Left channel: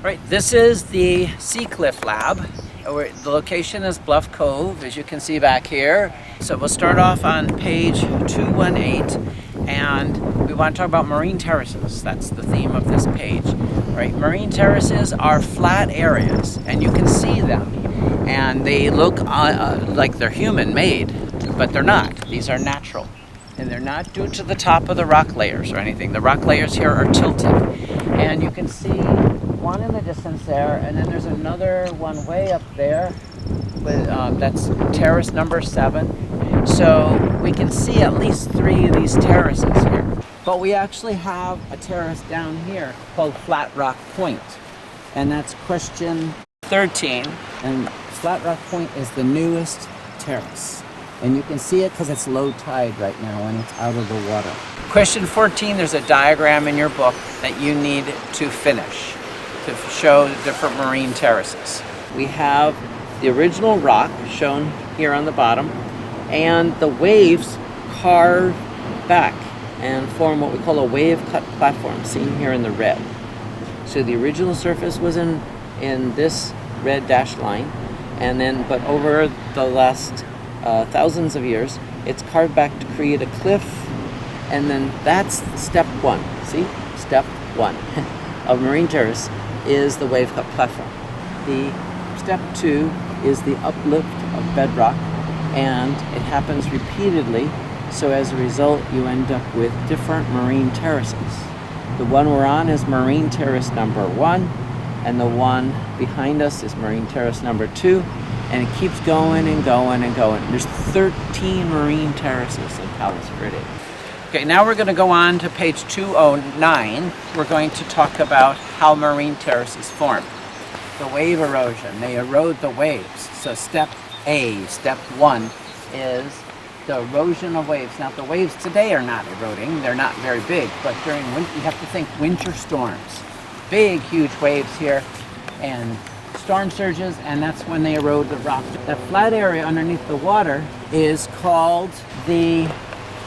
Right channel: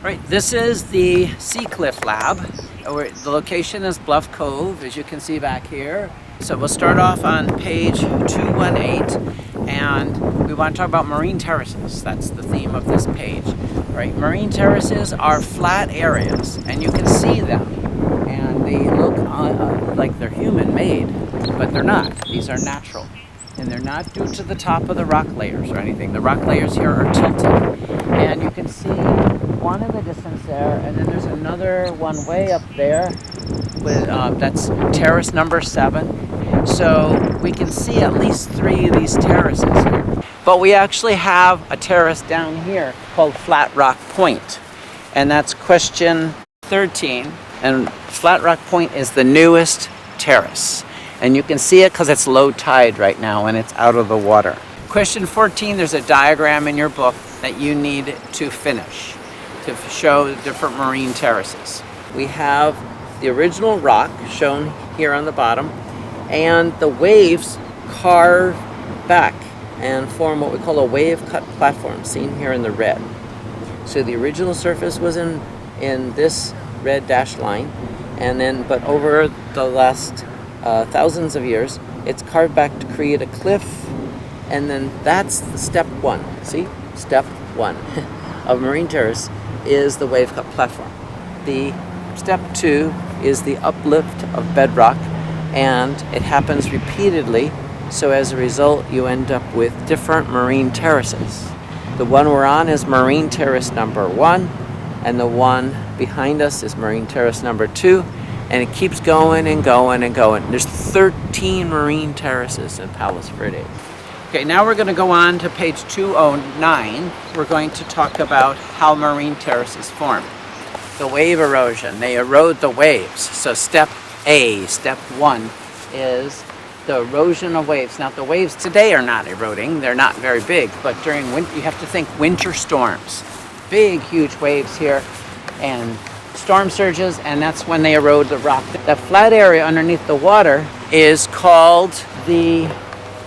Right, this is the Sea Cliff Lab. The location is Bluff Cove, as you can see back here. So we'll start off on page 218, and we want to talk about marine terraces. That's the theme of this page. Right, marine terraces are flat areas, and you can see them. And they look like they're human-made, but they're not. These are natural. And they're not due to the top of the rock layers or anything. The rock layers here are tilted. And you can see one in the distance there, and then there's another one way up there with that's terrace number 7. So we can see at least 3 of these terraces here. But we actually have a terrace down here called Flat Rock Point, and that's question 13. And Flat Rock Point is the newest terrace, and you can see it because it's low tide right now and it's out of the water. Question 14, there's a diagram in your book that you need to finish to show the different marine terraces. We have the original rock shown here on the bottom, and the waves carve back and form what we call a wave-cut platform, seen here in the red. So the original surface was in this red dashed line, and then but over the last thousands of years, it's carved back to create a cliff. And then that's step 1. See? Step 1 of marine terrace is the wave-cut platform. The step 2 is the uplift of bedrock, and it happens repeatedly. So as a result, you end up with different marine terraces. The one we're on is marine terrace number 1, and the one behind us is marine terrace number 2, and it keeps going and going and going. There's 13 marine terraces in Palos Verdes. Okay, now we're going to go on to page 209. We're going to talk about how marine terraces form. The wave erosion, they erode the waves. So step 1, is the erosion of waves. Now the waves today are not eroding, they're not very big, but during winter, you have to think winter storms. Big, huge waves here, and storm surges, and that's when they erode the rock. That flat area underneath the water is called the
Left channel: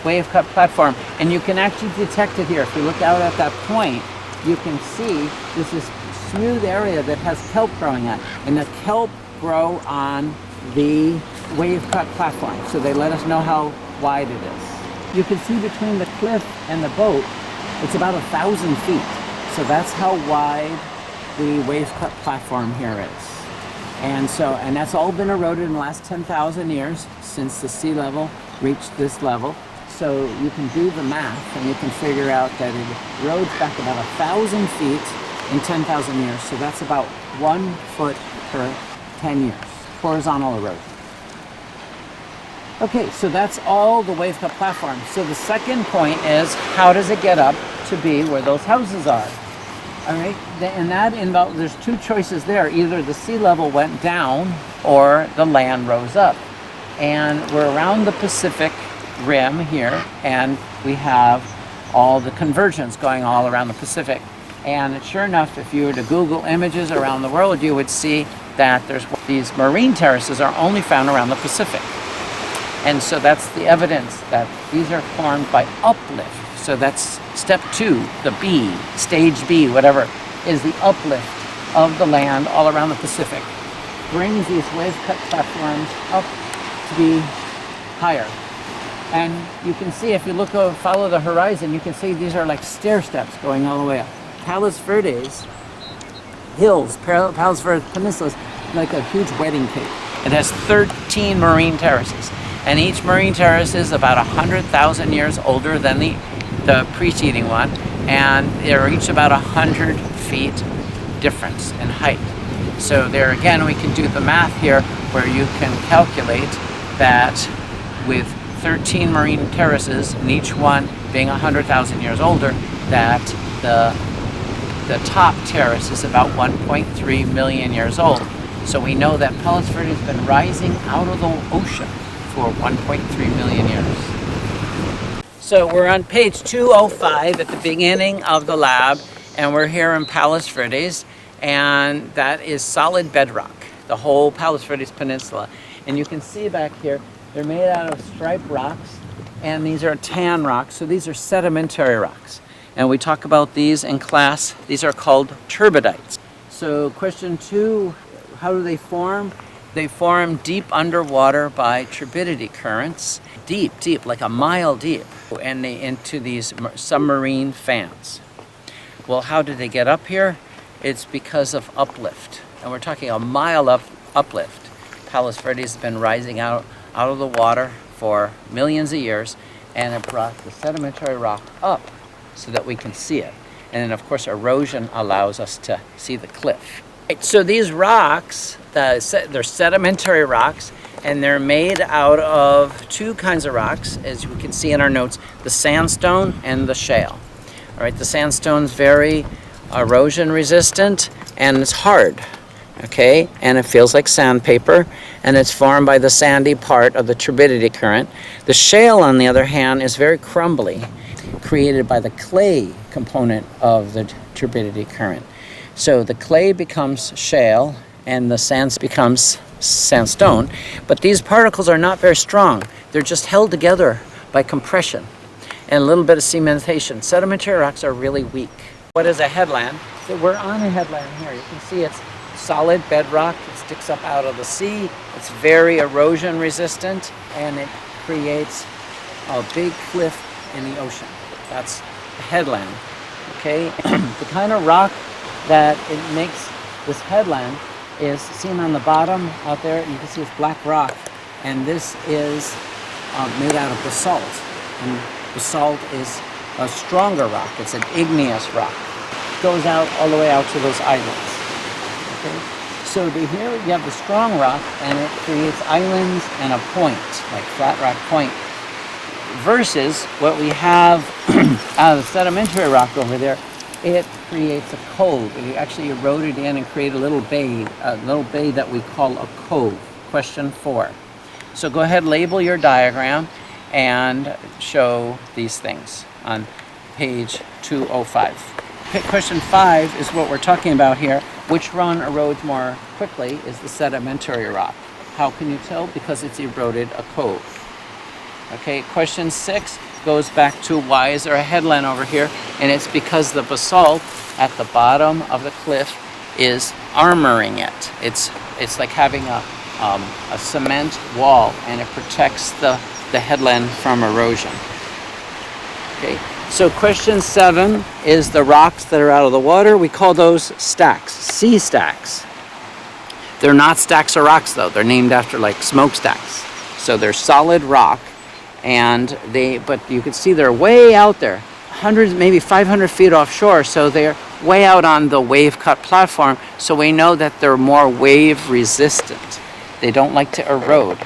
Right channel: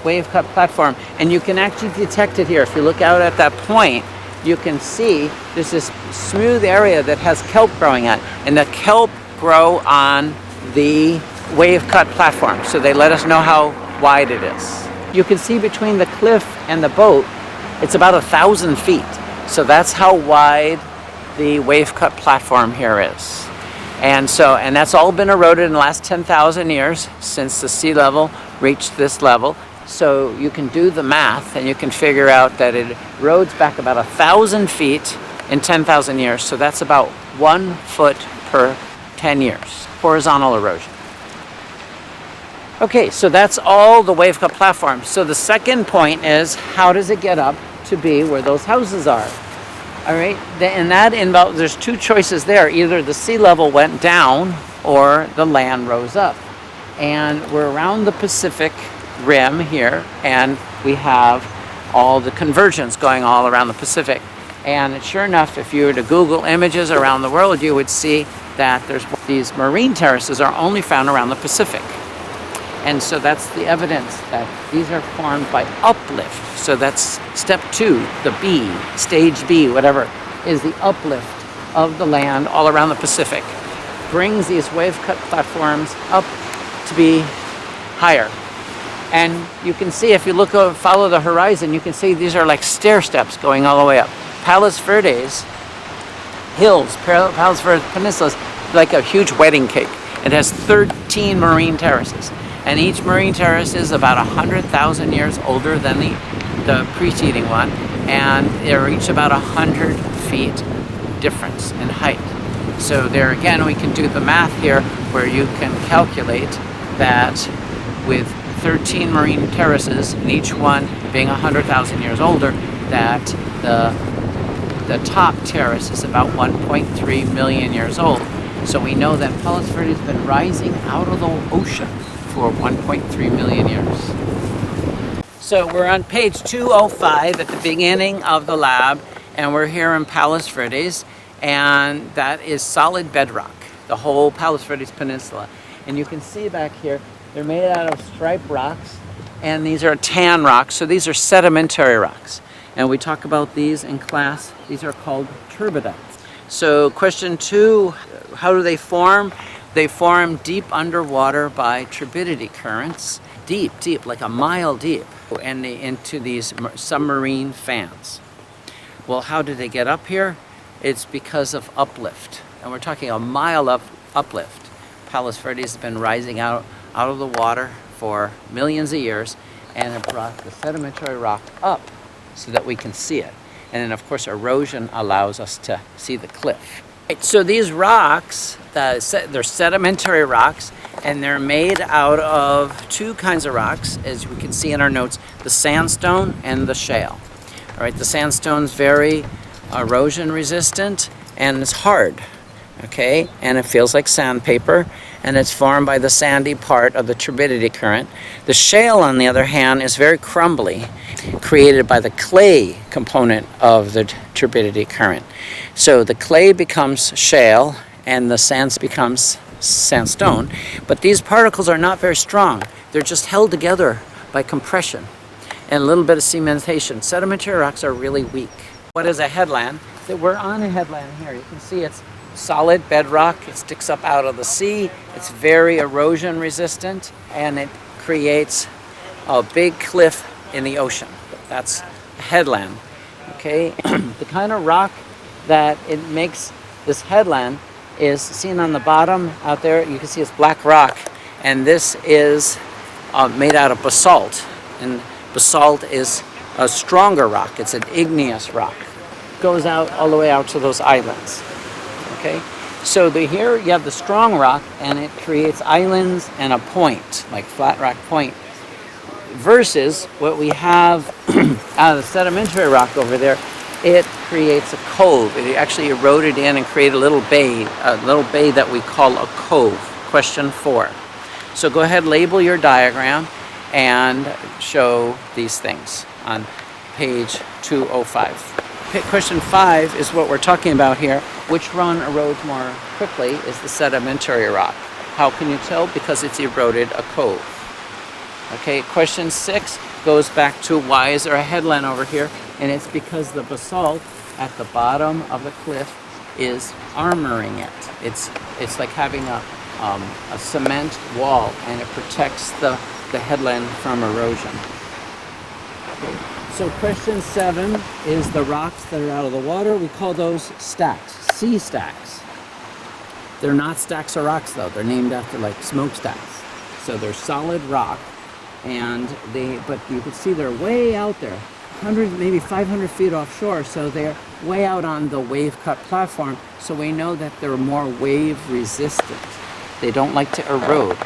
wave-cut platform, and you can actually detect it here. If you look out at that point, you can see there's this smooth area that has kelp growing on, and the kelp grow on the wave-cut platform, so they let us know how wide it is. You can see between the cliff and the boat, it's about 1,000 feet, so that's how wide the wave-cut platform here is. And that's all been eroded in the last 10,000 years since the sea level reached this level. So you can do the math and you can figure out that it erodes back about 1,000 feet in 10,000 years. So that's about 1 foot per 10 years, horizontal erosion. Okay, so that's all the wave-cut platform. So the second point is, how does it get up to be where those houses are? All right, and that involves, there's 2 choices there. Either the sea level went down or the land rose up. And we're around the Pacific rim here, and we have all the convergence going all around the Pacific. And sure enough, if you were to Google images around the world, you would see that there's these marine terraces are only found around the Pacific. And so that's the evidence that these are formed by uplift. So that's step 2, the B, stage B, whatever, is the uplift of the land all around the Pacific. Brings these wave-cut platforms up to be higher. And you can see, if you look over, follow the horizon, you can see these are like stair steps going all the way up. Palos Verdes hills, Palos Verdes Peninsula is like a huge wedding cake. It has 13 marine terraces, and each marine terrace is about 100,000 years older than the preceding one, and they're each about 100 feet difference in height. So there again, we can do the math here, where you can calculate that with 13 marine terraces, and each one being 100,000 years older, that the top terrace is about 1.3 million years old. So we know that Palos Verdes has been rising out of the ocean for 1.3 million years. So we're on page 205 at the beginning of the lab, and we're here in Palos Verdes, and that is solid bedrock, the whole Palos Verdes Peninsula. And you can see back here, they're made out of striped rocks, and these are tan rocks, so these are sedimentary rocks. And we talk about these in class. These are called turbidites. So question 2, how do they form? They form deep underwater by turbidity currents, deep, like a mile deep, and into these submarine fans. Well, how did they get up here? It's because of uplift, and we're talking a mile of uplift. Palos Verdes has been rising out of the water for millions of years, and it brought the sedimentary rock up so that we can see it. And then, of course, erosion allows us to see the cliff. So these rocks, they're sedimentary rocks, and they're made out of 2 kinds of rocks, as we can see in our notes, the sandstone and the shale. All right, the sandstone's very erosion resistant, and it's hard, okay? And it feels like sandpaper, and it's formed by the sandy part of the turbidity current. The shale, on the other hand, is very crumbly, created by the clay component of the turbidity current. So the clay becomes shale and the sand becomes sandstone, but these particles are not very strong. They're just held together by compression and a little bit of cementation. Sedimentary rocks are really weak. What is a headland? So we're on a headland here. You can see it's solid bedrock. It sticks up out of the sea. It's very erosion resistant, and it creates a big cliff in the ocean. That's a headland, okay? The kind of rock that it makes this headland is seen on the bottom out there. You can see it's black rock, and this is made out of basalt, and basalt is a stronger rock. It's an igneous rock. It goes out all the way out to those islands, okay? So here you have the strong rock, and it creates islands and a point, like Flat Rock Point, versus what we have out of the sedimentary rock over there. It creates a cove. It actually eroded in and created a little bay that we call a cove. Question 4. So go ahead, label your diagram and show these things on page 205. Question 5 is what we're talking about here. Which run erodes more quickly is the sedimentary rock. How can you tell? Because it's eroded a cove. Okay, question 6 goes back to why is there a headland over here? And it's because the basalt at the bottom of the cliff is armoring it. It's like having a cement wall, and it protects the headland from erosion. Okay, so question 7 is the rocks that are out of the water. We call those stacks, sea stacks. They're not stacks of rocks though. They're named after like smokestacks. So they're solid rock. But you can see they're way out there, hundreds, maybe 500 feet offshore, so they're way out on the wave-cut platform, so we know that they're more wave-resistant. They don't like to erode.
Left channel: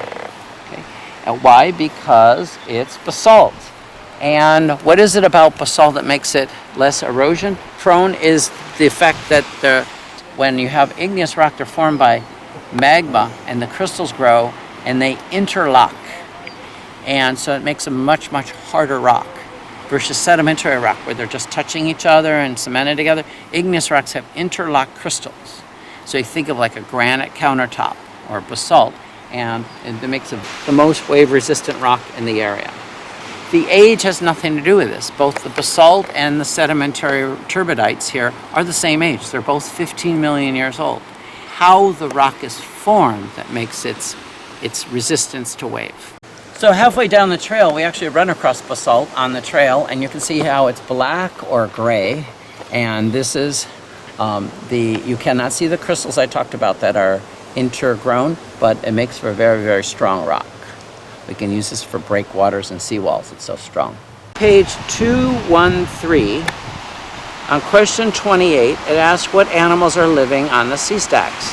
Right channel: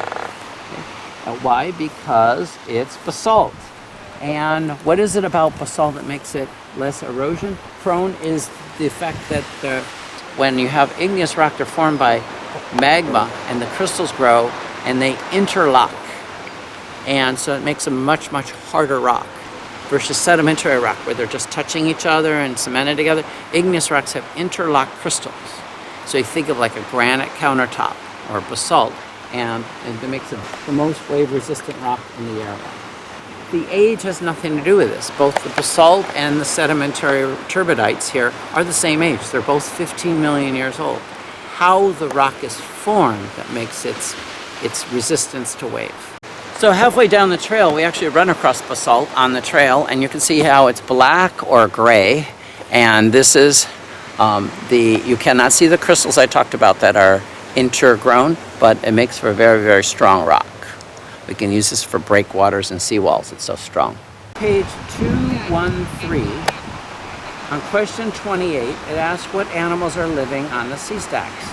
Okay? And why? Because it's basalt. And what is it about basalt that makes it less erosion prone is the fact that when you have igneous rock, they're formed by magma, and the crystals grow, and they interlock. And so it makes a much, much harder rock versus sedimentary rock, where they're just touching each other and cemented together. Igneous rocks have interlocked crystals. So you think of like a granite countertop or basalt, and it makes it the most wave-resistant rock in the area. The age has nothing to do with this. Both the basalt and the sedimentary turbidites here are the same age. They're both 15 million years old. How the rock is formed that makes its resistance to wave. So halfway down the trail, we actually run across basalt on the trail, and you can see how it's black or gray. And this is you cannot see the crystals I talked about that are intergrown, but it makes for a very, very strong rock. We can use this for breakwaters and seawalls. It's so strong. Page 213, on question 28, it asks what animals are living on the sea stacks.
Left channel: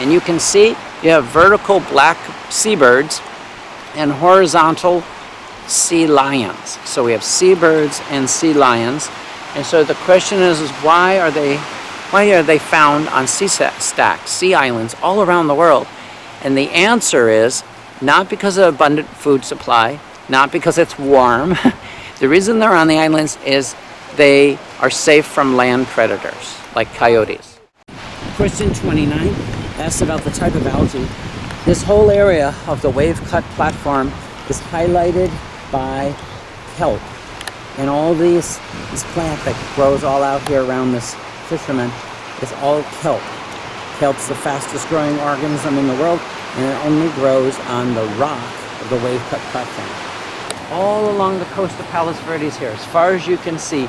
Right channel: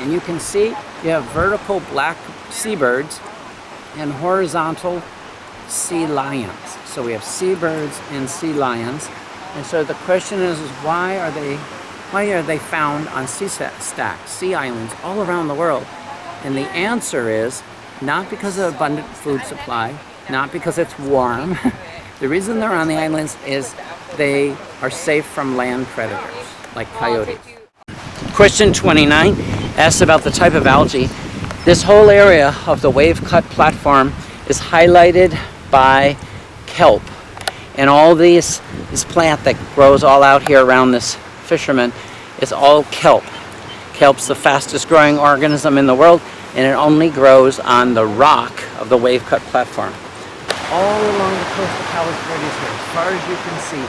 And you can see you have vertical black seabirds and horizontal sea lions. So we have seabirds and sea lions. And so the question is why are they found on sea stacks, sea islands all around the world? And the answer is not because of abundant food supply, not because it's warm. The reason they're on the islands is they are safe from land predators like coyotes. Question 29 asks about the type of algae. This whole area of the wave-cut platform is highlighted by kelp. And all this plant that grows all out here around this fisherman is all kelp. Kelp's the fastest growing organism in the world, and it only grows on the rock of the wave-cut platform. All along the coast of Palos Verdes here, as far as you can see,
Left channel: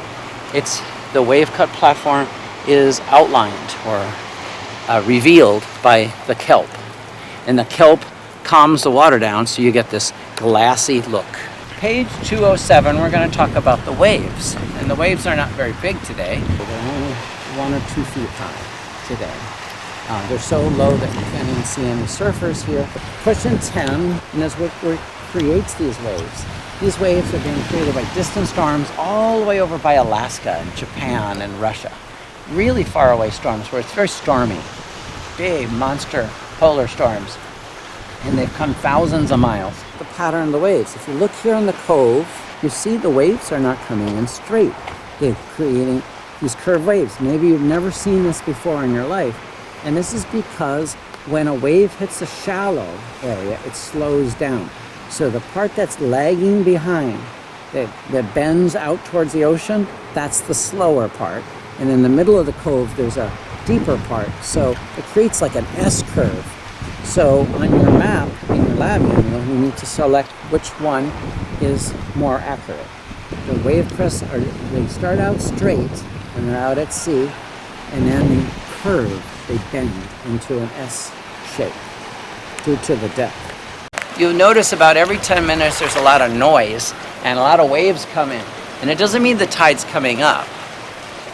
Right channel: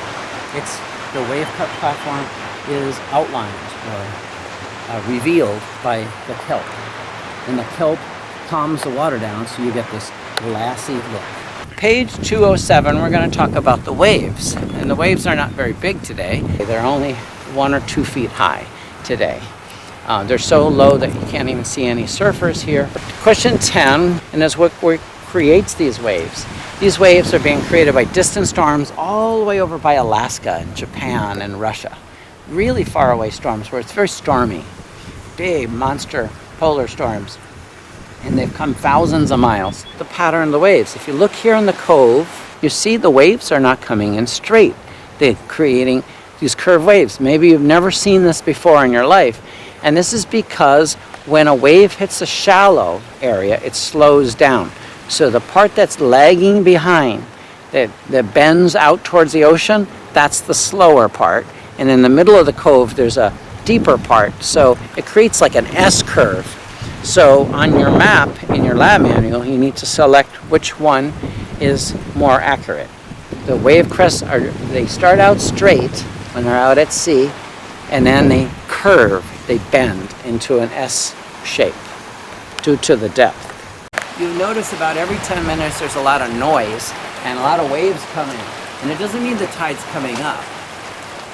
it's the wave-cut platform is outlined or revealed by the kelp. And the kelp calms the water down, so you get this glassy look. Page 207, we're going to talk about the waves. And the waves are not very big today. They're only 1 or 2 feet high today. They're so low that you can't even see any surfers here. Question 10, and is what creates these waves. These waves are being created by distant storms all the way over by Alaska and Japan and Russia. Really far away storms where it's very stormy. Big monster polar storms. And they've come thousands of miles. The pattern of the waves. If you look here in the cove, you see the waves are not coming in straight. They're creating these curved waves. Maybe you've never seen this before in your life. And this is because when a wave hits a shallow area, it slows down. So the part that's lagging behind, that bends out towards the ocean, that's the slower part. And in the middle of the cove, there's a deeper part. So it creates like an S-curve. So on your map, in your lab manual, you need to select which one is more accurate. The wave crests, they start out straight when they're out at sea, and then they curve, they bend into an S shape due to the depth. You notice about every 10 minutes there's a lot of noise and a lot of waves come in. And it doesn't mean the tide's coming up.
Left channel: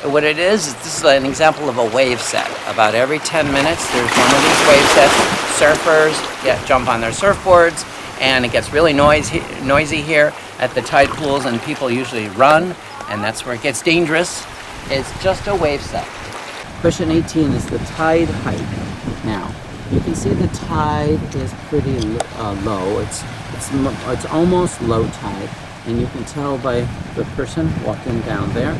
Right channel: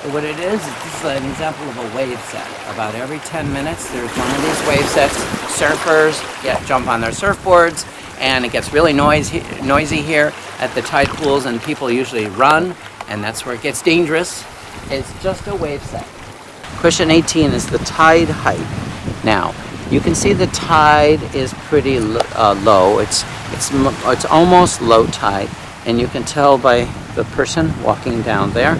What it is this is an example of a wave set. About every 10 minutes there's one of these wave sets. Surfers jump on their surfboards, and it gets really noisy here at the tide pools, and people usually run, and that's where it gets dangerous. It's just a wave set. Question 18 is the tide height. Now, you can see the tide is pretty low. It's almost low tide, and you can tell by the person walking down there.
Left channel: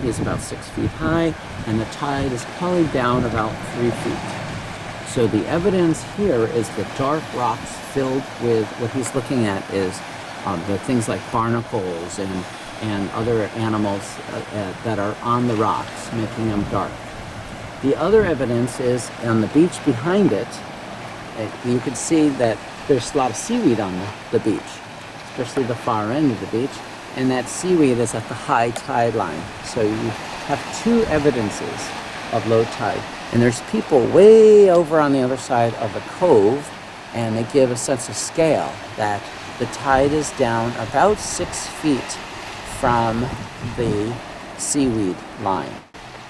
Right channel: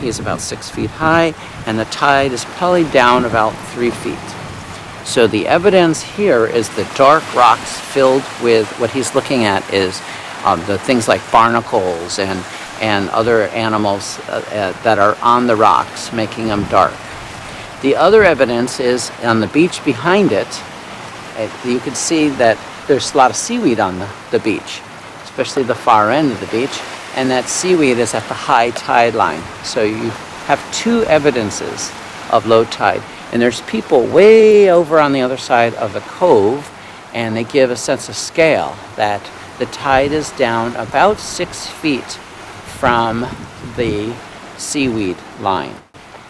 He's about 6 feet high, and the tide is probably down about 3 feet. So the evidence here is the dark rocks filled with what he's looking at is the things like barnacles and other animals that are on the rocks, making them dark. The other evidence is on the beach behind it. You can see that there's a lot of seaweed on the beach, especially the far end of the beach, and that seaweed is at the high tide line. So you have 2 evidences of low tide, and there's people way over on the other side of the cove, and they give a sense of scale that the tide is down about 6 feet from the seaweed line.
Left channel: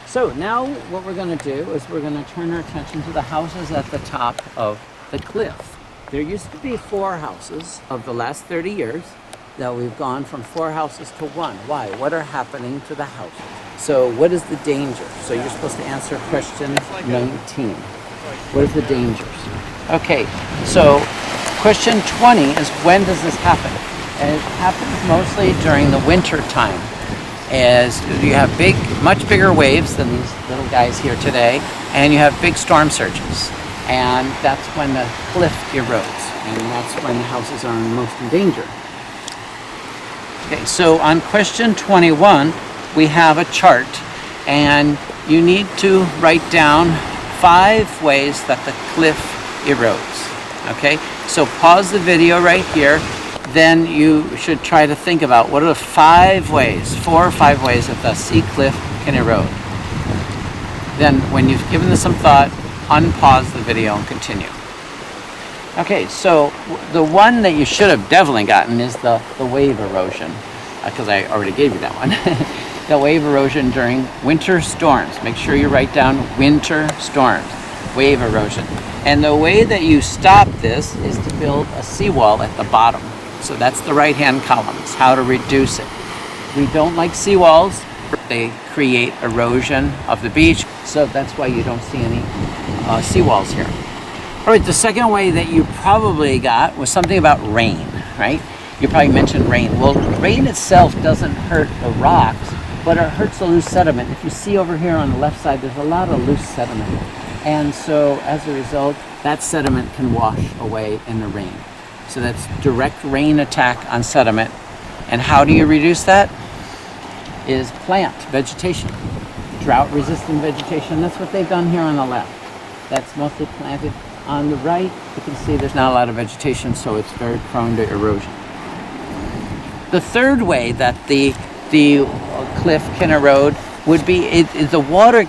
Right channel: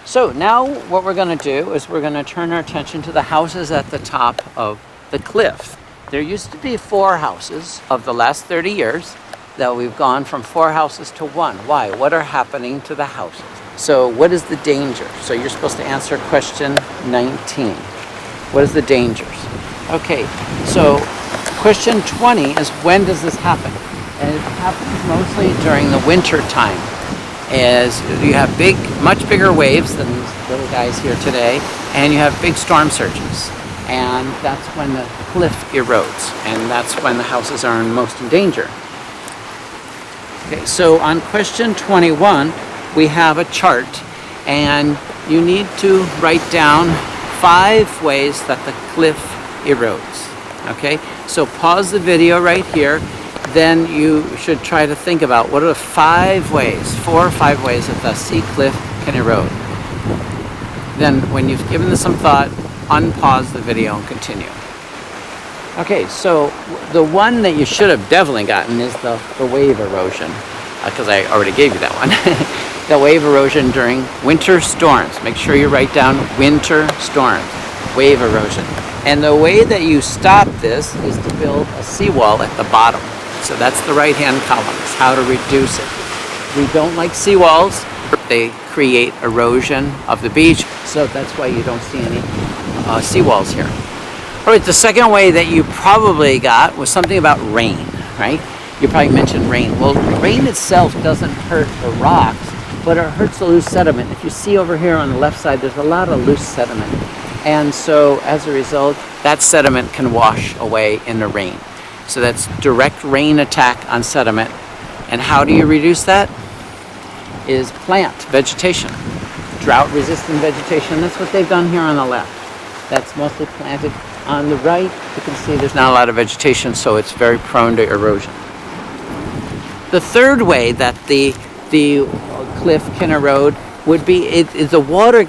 So now what we're going to do is we're going to turn our attention to the houses at the top of the cliff. There used to be 4 houses of the last 30 years that we've gone from 4 houses to 1. Why? What are happening to the houses? So what is the danger? So you're supposed to answer question 19. What is the dangers? Okay, so question 20 is when does this happen? And it happens mostly during the winter time. As you have much bigger waves than these little guys here today, and you have big storm surges. And that's when the cliff erodes, and that's when the houses are most in danger. Okay, so on question 21, we have a chart, and you need to write down 5 ways that the cliff erodes. Okay, so pause the video right here. Then you should try to think about what are the 5 ways, 4 or 5 ways that the sea cliff can erode. Then when you've given this some thought, unpause the video and continue. Okay, so the one that you should have definitely gotten is the wave erosion, because I already gave you that one. The wave erosion during winter storms. Make sure you write down winter storms, wave erosion. And the way that you stop this is to build a seawall at the bottom. So that's the right-hand column, is how to reduce it. We don't like seawalls. They create erosion of the beach, so that's why you don't see any seawalls here. All right, the second way that you probably got was something about rain, right? You probably mentioned rain. Well, rain itself doesn't hurt the rocks, but it hurts the loose sediment. If you see over here on the left side, there's a lot of loose sediment. And so as a result, that sediment can wash away in the rain. So that's direct rain attack on sediment. And how do you reduce that? Is plant vegetation. drought-resistant vegetation. That's what they've done here on the left. That's mostly planted. On the right, you can see there's not a lot of vegetation, so it's very prone to erosion. The third way that the cliff can erode would be the water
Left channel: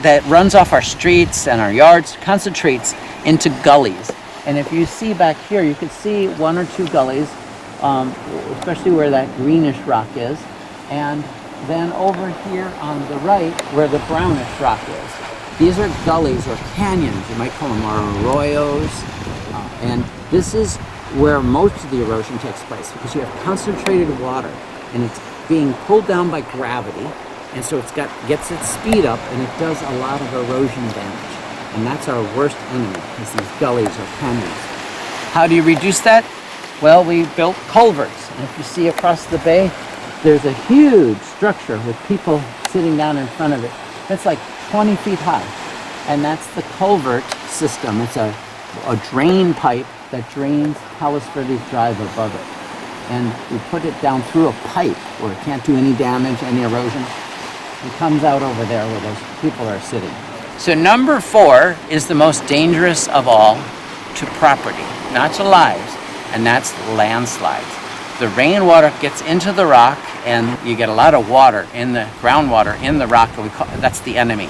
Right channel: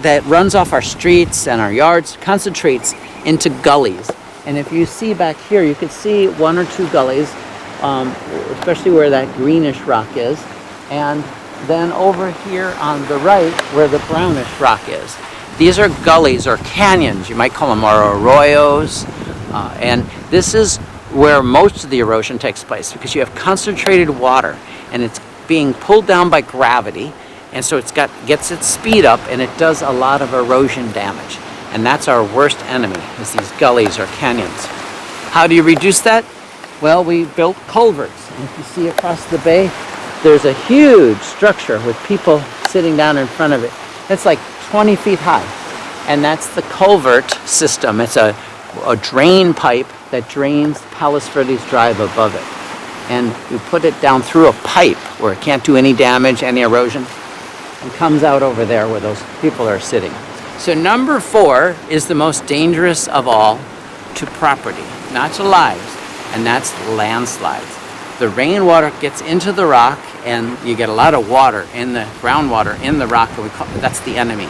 that runs off our streets and our yards concentrates into gullies. And if you see back here, you can see one or two gullies, especially where that greenish rock is. And then over here on the right, where the brownish rock is. These are gullies or canyons, you might call them, or arroyos. And this is where most of the erosion takes place because you have concentrated water and it's being pulled down by gravity. And so gets its speed up and it does a lot of erosion damage. And that's our worst enemy, is these gullies or canyons. How do you reduce that? Well, we built culverts. And if you see across the bay, there's a huge structure with people sitting down in front of it. It's like 20 feet high. And that's the culvert system. It's a drain pipe that drains Palos Verdes Drive above it. And we put it down through a pipe where it can't do any damage, any erosion, and comes out over there where those people are sitting. So number 4 is the most dangerous of all to property, not to lives, and that's landslides. The rainwater gets into the rock and you get a lot of water in the groundwater in the rock. That's the enemy,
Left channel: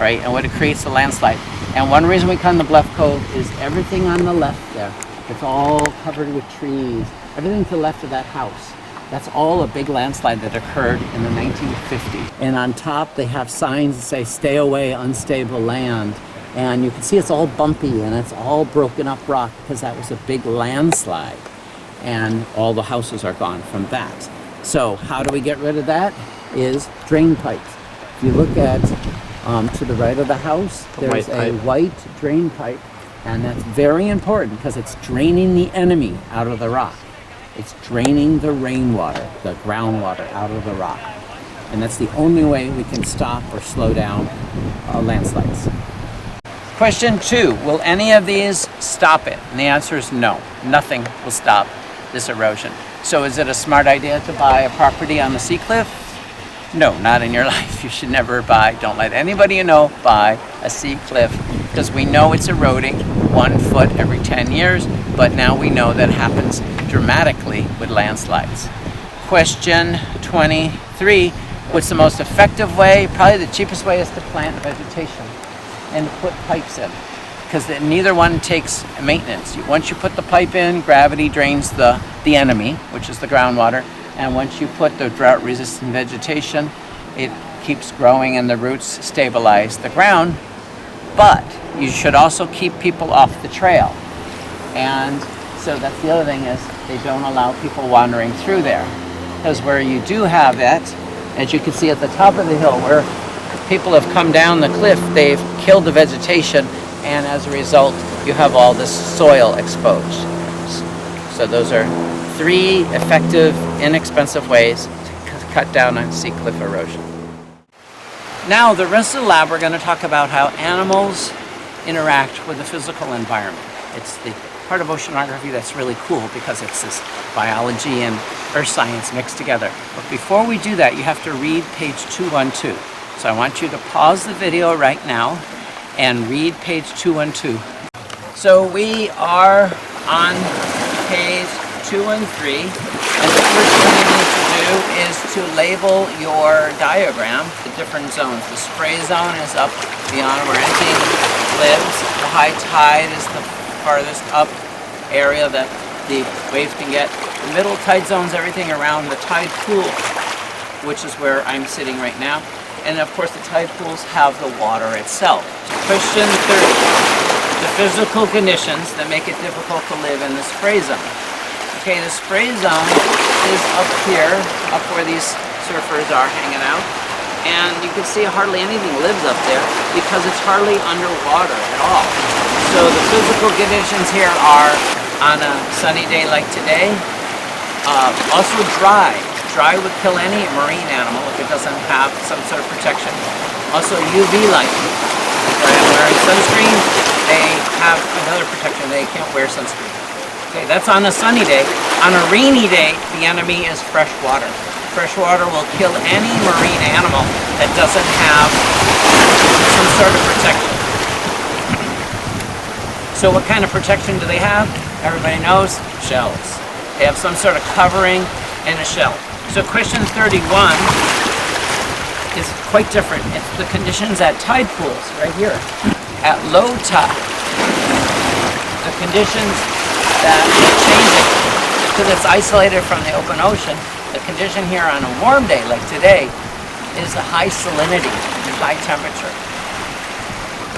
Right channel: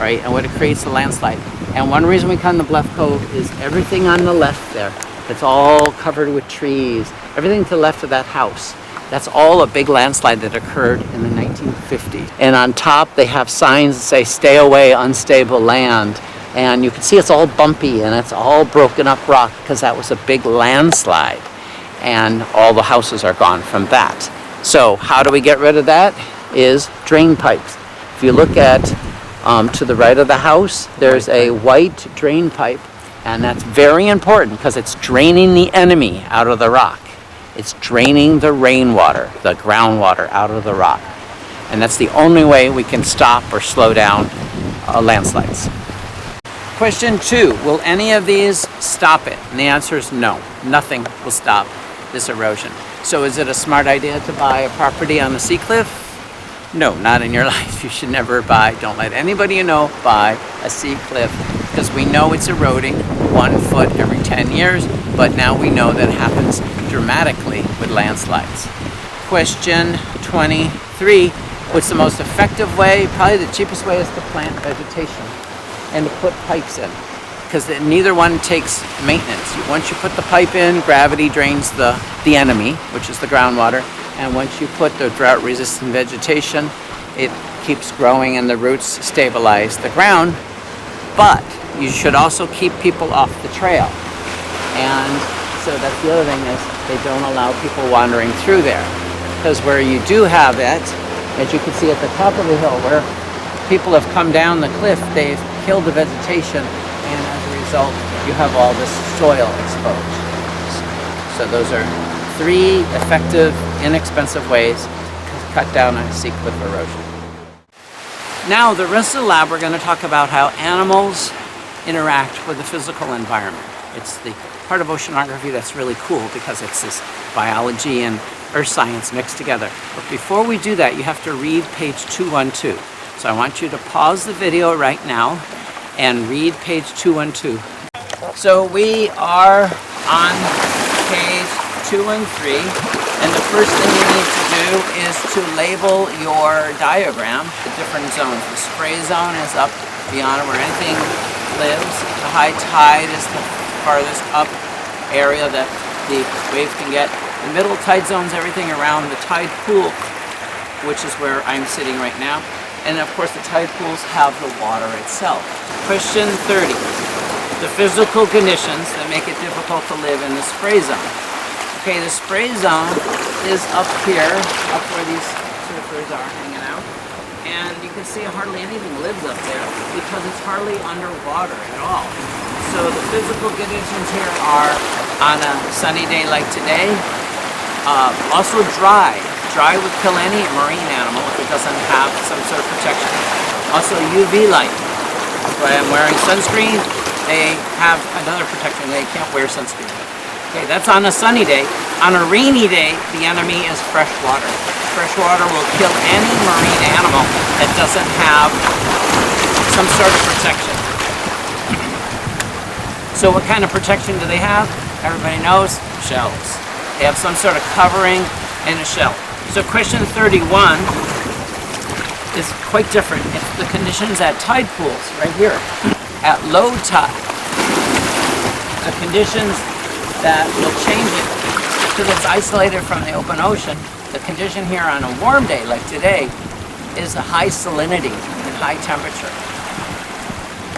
right? And what it creates a landslide. And one reason we come to Bluff Cove is everything on the left there. It's all covered with trees. Everything to the left of that house. That's all a big landslide that occurred in the 1950s. And on top they have signs that say, "Stay away, unstable land." And you can see it's all bumpy and it's all broken up rock because that was a big landslide. And all the houses are gone from that. So how do we get rid of that? Is drain pipes. If you look at to the right of the house, there's a white drain pipe, and that's very important because it's draining the enemy out of the rock. It's draining the rainwater, the groundwater out of the rock. And that's the only way we can stop or slow down landslides. Question 2, will any of these stop it? And the answer is no, nothing will stop this erosion. So is it a smart idea to buy a property on a sea cliff? No, not in your life. You should never don't let anybody you know buy a sea cliff because we know it's eroding 1 foot every 10 years, but now we know that it happens dramatically with landslides. Question 23, what's the most effective way? Probably the cheapest way is to plant vegetation and to put pipes in, because neither one takes maintenance. Once you put the pipe in, gravity drains the enemy, which is the groundwater, and once you put the drought-resistant vegetation, it keeps growing and the roots stabilize the ground. But you should also keep people off the trail. And so that's the other thing, is they don't allow people wandering through there. Because where you do have it, as you can see at the top of the hill, where people have come down the cliff, they've killed the vegetation, and as a result, you have all this soil exposed. So those are 3 effective, inexpensive ways to cut down on sea cliff erosion. Now, the rest of the lab, we're going to talk about how animals interact with the physical environment. It's the part of oceanography that's really cool because it's this biology and earth science mixed together. But before we do that, you have to read page 212. So I want you to pause the video right now and read page 212. So we are on page 2 and 3, and the first thing you need to do is to label your diagram, the different zones. The spray zone is up beyond where anything lives. The high tide is the farthest up area that the waves can get. The middle tide zone is everything around the tide pool, which is where I'm sitting right now. And of course the tide pools have the water itself. Question 30. The physical conditions that make it difficult to live in the spray zone. Okay, the spray zone is up here, up where these surfers are hanging out. And you can see hardly anything lives up there because it's hardly underwater at all. So the physical conditions here are on a sunny day like today. Also dry. Dry would kill any marine animal if it doesn't have some sort of protection. Also UV light. When I'm wearing sunscreen, they have another protection. They can't wear sunscreen. Okay, that's on a sunny day. On a rainy day, the enemy is fresh water. Fresh water will kill any marine animal that doesn't have some sort of protection. So what kind of protection do they have? Everybody knows, shells. They have some sort of covering and a shell. So question 31 is quite different. It's the conditions at tide pools, right here. At low tide, the conditions that will change it because it's isolated from the open ocean. The condition here on a warm day like today is a high salinity and high temperature.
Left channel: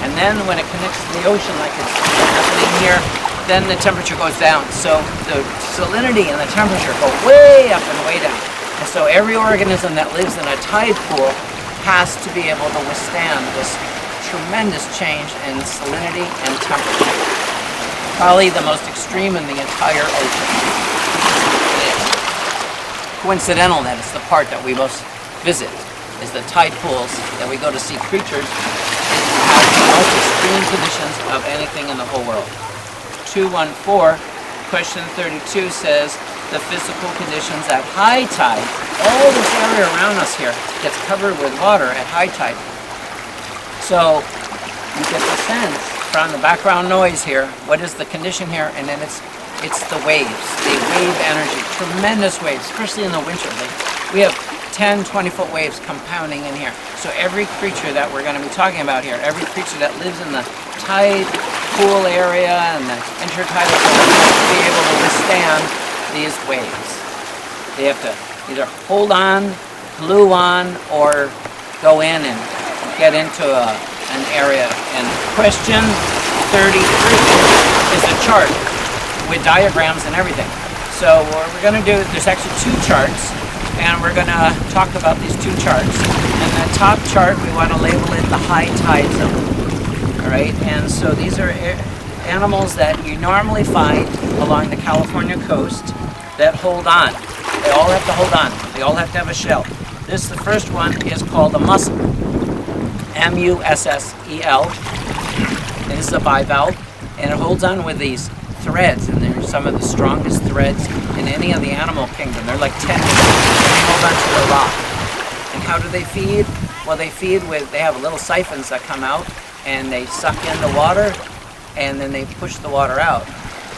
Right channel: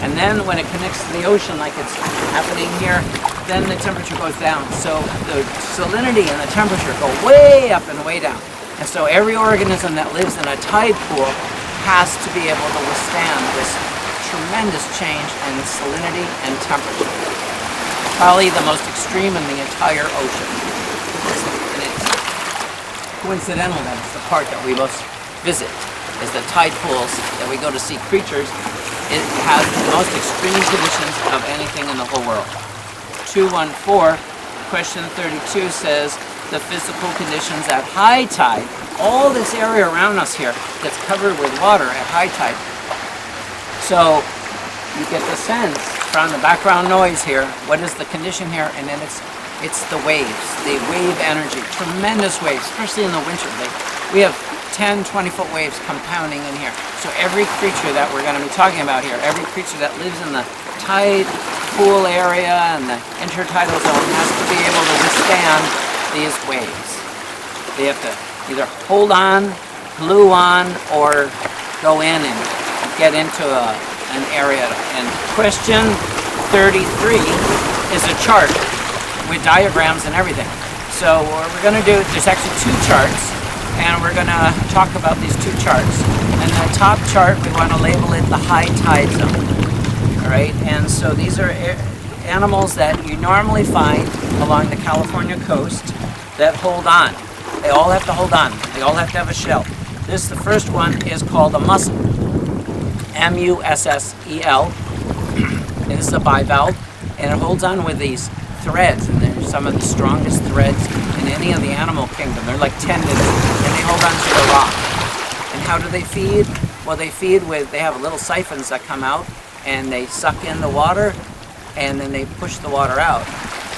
And then when it connects to the ocean like it's happening here, then the temperature goes down. So the salinity and the temperature go way up and way down. And so every organism that lives in a tide pool has to be able to withstand this tremendous change in salinity and temperature. Probably the most extreme in the entire ocean. It is. Coincidental that it's the part that we most visit, is the tide pools that we go to see creatures. It has the most extreme conditions of anything in the whole world. 214, question 32 says, the physical conditions at high tide. All this area around us here gets covered with water at high tide. So you get the sense from the background noise here, what is the condition here, and then it's the waves, the wave energy, tremendous waves, especially in the winter. We have 10, 20-foot waves compounding in here. So every creature that we're going to be talking about here, every creature that lives in the tide pool area and the intertidal zone has to be able to withstand these waves. They have to either hold on, glue on, or go in and get into an area. And question 33 is a chart with diagrams and everything. So what we're going to do, there's actually two charts, and we're going to talk about these two charts. And the top chart, we want to label it the high tide zone. All right, and so these are animals that you normally find along the California coast that hold on. They all have to hold on. They all have to have a shell. The first one is called a mussel. M-U-S-S-E-L. And this is a bivalve, and it holds on with these threads, and they're some of the strongest threads in any of the animal kingdom. They're like tendons, and they hold on to the rock. And how do they feed? Well, they feed with, they have little siphons that come out, and they suck in the water, and then they push the water out.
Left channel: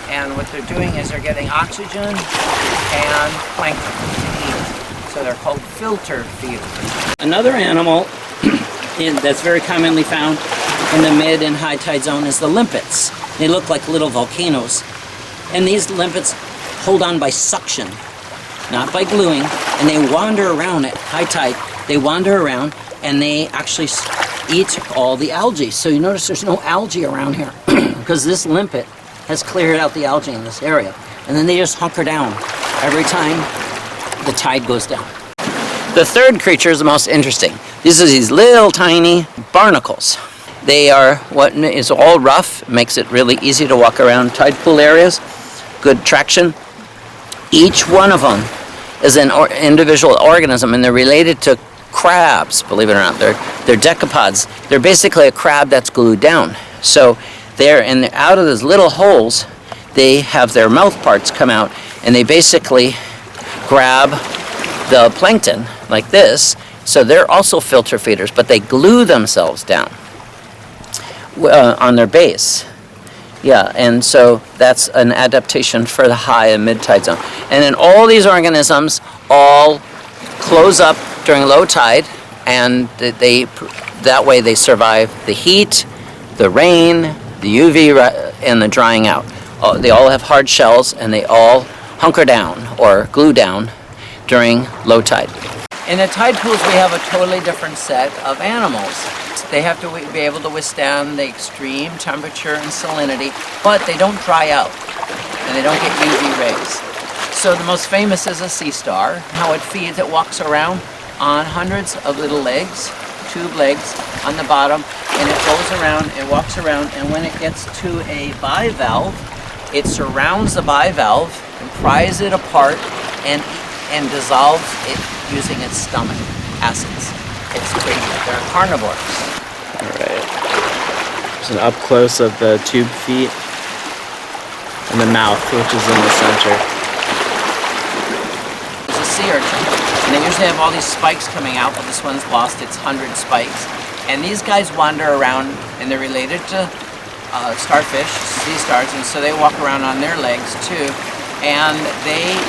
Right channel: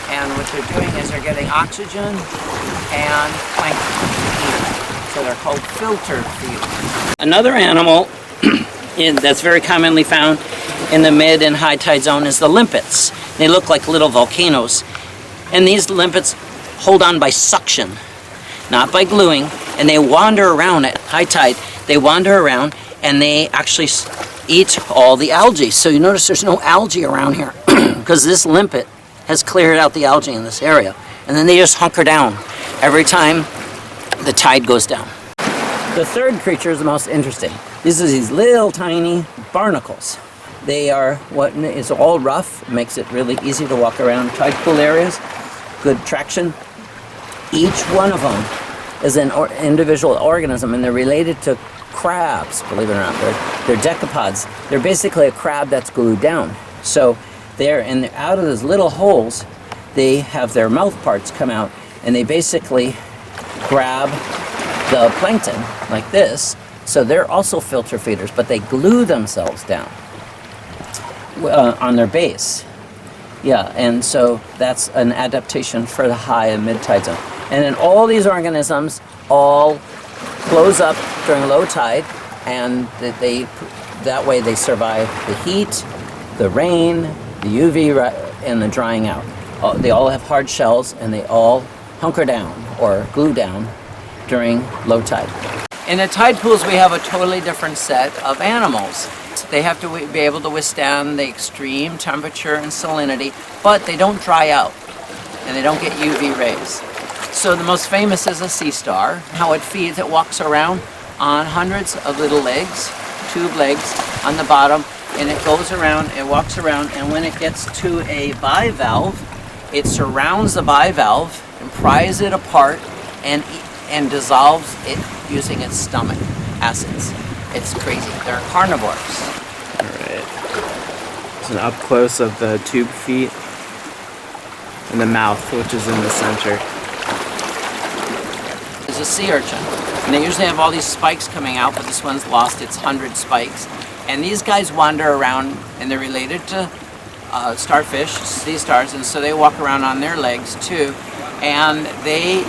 And what they're doing is they're getting oxygen and plankton to eat. So they're called filter feeders. Another animal that's very commonly found in the mid and high tide zone is the limpets. They look like little volcanoes. And these limpets hold on by suction, not by gluing. And they wander around at high tide. They wander around and they actually eat all the algae. So you notice there's no algae around here because this limpet has cleared out the algae in this area. And then they just hunker down every time the tide goes down. The third creature is the most interesting. These are these little tiny barnacles. They are what is all rough, makes it really easy to walk around tide pool areas, good traction. Each one of them is an individual organism, and they're related to crabs, believe it or not. They're decapods. They're basically a crab that's glued down. So out of those little holes, they have their mouth parts come out, and they basically grab the plankton like this. So they're also filter feeders, but they glue themselves down on their base. Yeah, and so that's an adaptation for the high and mid tide zone. And then all these organisms all close up during low tide, and that way they survive the heat, the rain, the UV, and the drying out. They all have hard shells, and they all hunker down or glue down during low tide. In the tide pools, we have a totally different set of animals. They have to be able to withstand the extreme temperature and salinity, but they don't dry out, and they don't get UV rays. So the most famous is a sea star. How it feeds, it walks around on hundreds of little legs, tube legs on the bottom, and it goes around, it walks around, and when it gets to a bivalve, it surrounds the bivalve and pries it apart and dissolves it using its stomach acids. It's crazy. They're carnivores. There's an up close of the tube feet. and the mouth, which is in the center. It's a sea urchin, and they usually have all these spikes coming out, but this one's lost its 100 spikes. And these guys wander around, and they're related to starfish, sea stars, and so they walk around on their legs too. And they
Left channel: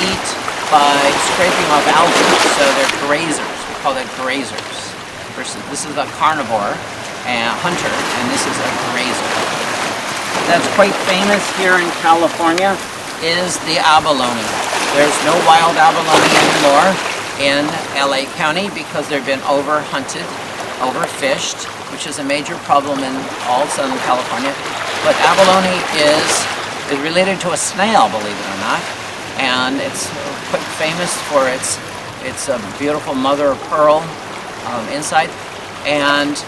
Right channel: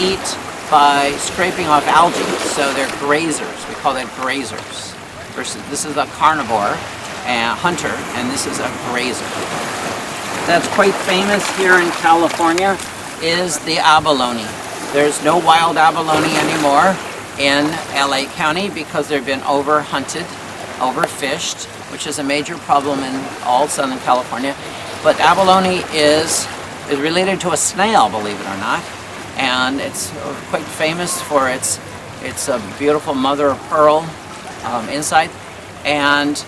eat by scraping off algae, so they're grazers. We call that grazers. This is a carnivore and hunter, and this is a grazer. That's quite famous here in California is the abalone. There's no wild abalone anymore in LA County because they've been overhunted, overfished, which is a major problem in all Southern California. But abalone is related to a snail, believe it or not, and it's quite famous for its beautiful mother of pearl inside. And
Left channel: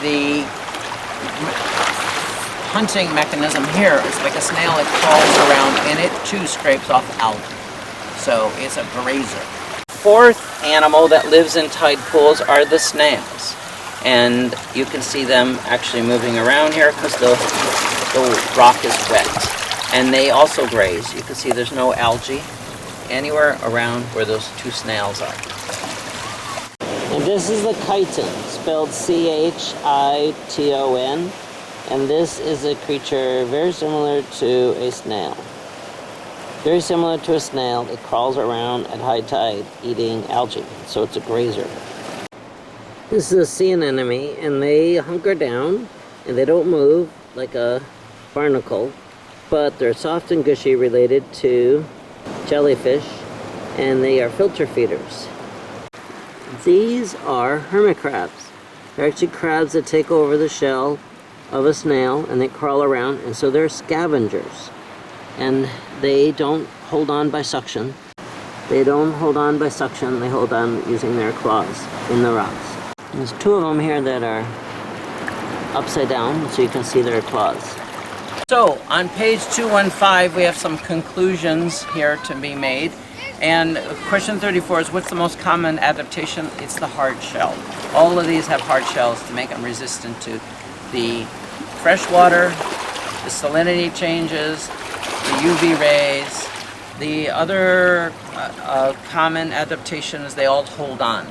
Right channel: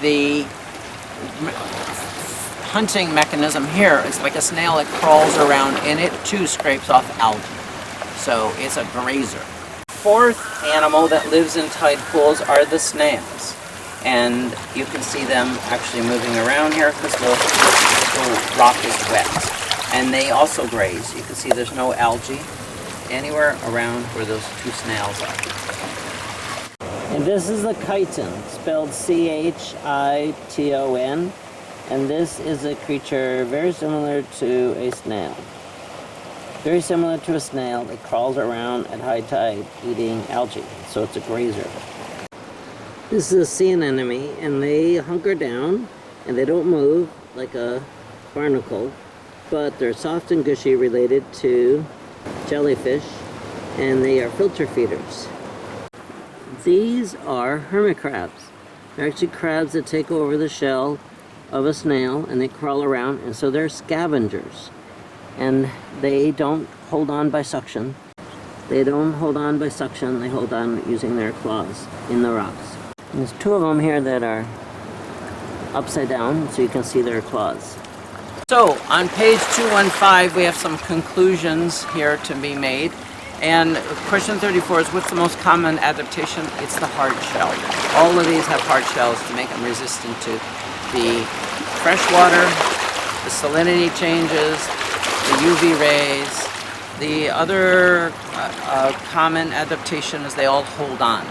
the hunting mechanism here is like a snail. It crawls around and it too scrapes off algae. So it's a grazer. Fourth animal that lives in tide pools are the snails. And you can see them actually moving around here because the rock is wet. And they also graze. You can see there's no algae anywhere around where those two snails are. And this is the chiton, spelled C-H-I-T-O-N. And this is a creature very similar to a snail. Very similar to a snail that crawls around at high tide eating algae. So it's a grazer. This is a sea anemone, and they hunker down and they don't move like a barnacle, but they're soft and gushy, related to jellyfish, and they are filter feeders. These are hermit crabs. They're actually crabs that take over the shell of a snail and they crawl around, and so they're scavengers. And they don't hold on by suction. They don't hold on by suction, they hold on using their claws in the rocks. And there's two of them here that are upside down, so you can see their claws. So on page 215 we have some conclusions here to be made. And question 34 is, what's the most common adaptation? It's the hard shell. All of these have hard shells to make them resistant to the fresh water, the salinity changes, the UV rays. The other common adaptation is they all hold on,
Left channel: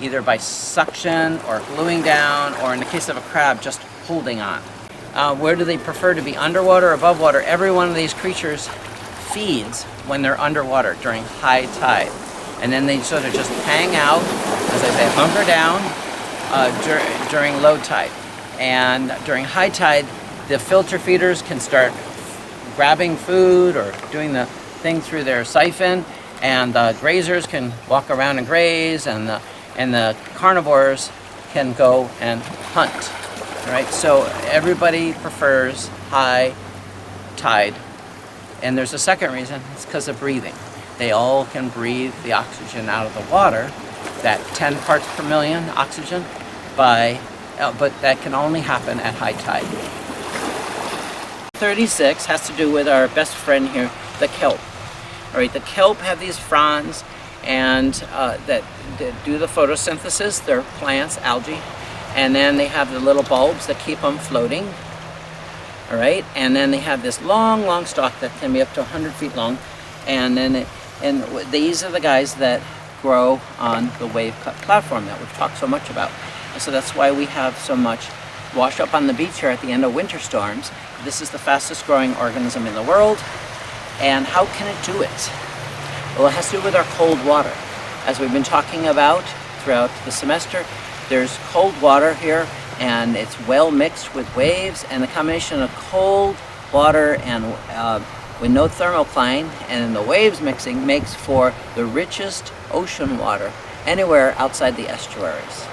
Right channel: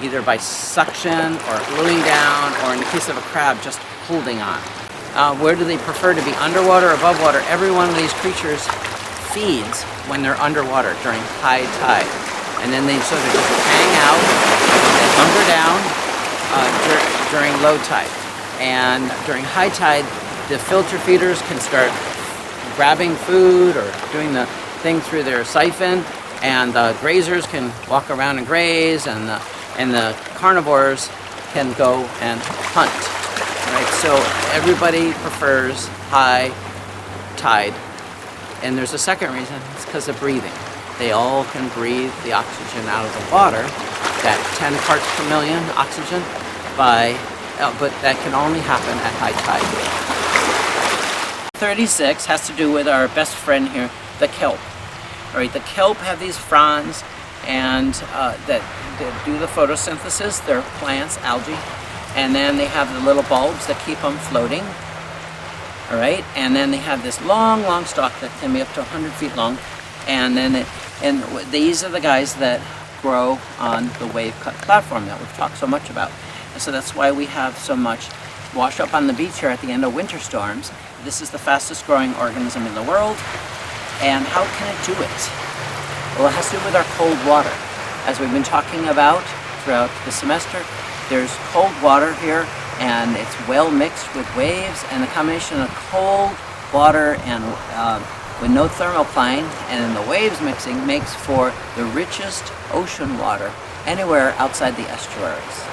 either by suction or gluing down, or in the case of a crab, just holding on. Where do they prefer to be, underwater or above water? Every one of these creatures feeds when they're underwater during high tide. And then they sort of just hang out as they hunker down during low tide. And during high tide, the filter feeders can start grabbing food or doing the thing through their siphon, and the grazers can walk around and graze, and the carnivores can go and hunt. Right? So everybody prefers high tide. And there's a second reason, it's because of breathing. They all can breathe the oxygen out of the water, that 10 parts per million oxygen, but that can only happen at high tide. 36 has to do with our best friend here, the kelp. All right, the kelp have these fronds and that do the photosynthesis. They're plants, algae, and then they have the little bulbs that keep them floating. All right, and then they have this long stalk that can be up to 100 feet long, and then these are the guys that grow on the wave-cut platform that we've talked so much about. And so that's why we have so much wash up on the beach here at the end of winter storms. This is the fastest growing organism in the world. And how can it do it? Well, it has to do with our cold water. As we've been talking about throughout the semester, there's cold water here, and it's well mixed with waves, and the combination of cold water and with no thermocline and the waves mixing makes for the richest ocean water anywhere outside the estuaries.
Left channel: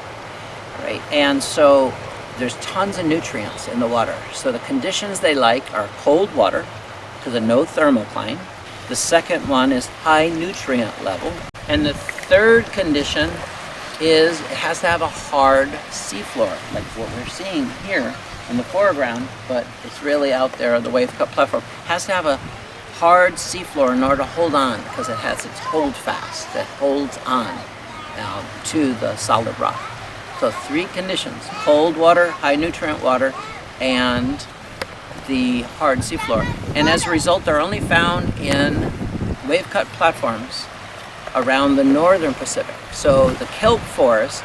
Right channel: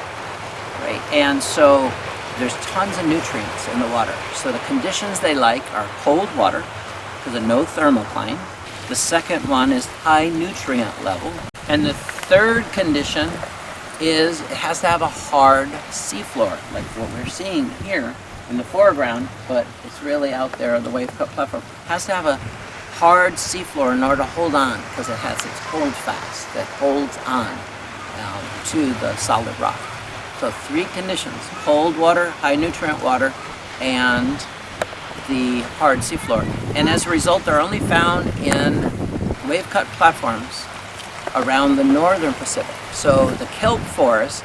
Right? And so there's tons of nutrients in the water. So the conditions they like are cold water because of no thermocline. The second one is high nutrient level. And the third condition is it has to have a hard seafloor, like what we're seeing here in the foreground, but it's really out there on the wave-cut platform. It has to have a hard seafloor in order to hold on, because it has its hold fast that holds on to the solid rock. So three conditions: cold water, high nutrient water, and the hard seafloor. And as a result, they're only found in wave-cut platforms around the northern Pacific. So the kelp forest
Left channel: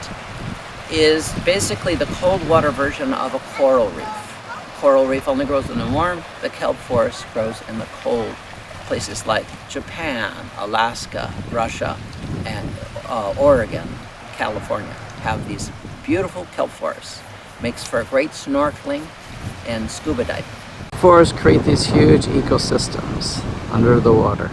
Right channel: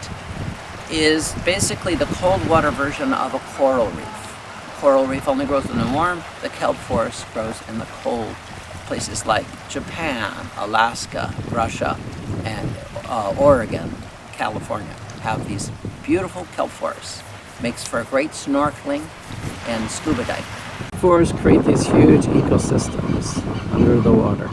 is basically the cold water version of a coral reef. Coral reef only grows in the warm. The kelp forest grows in the cold. Places like Japan, Alaska, Russia, and Oregon, California have these beautiful kelp forests. Makes for great snorkeling and scuba diving. Forests create these huge ecosystems under the water.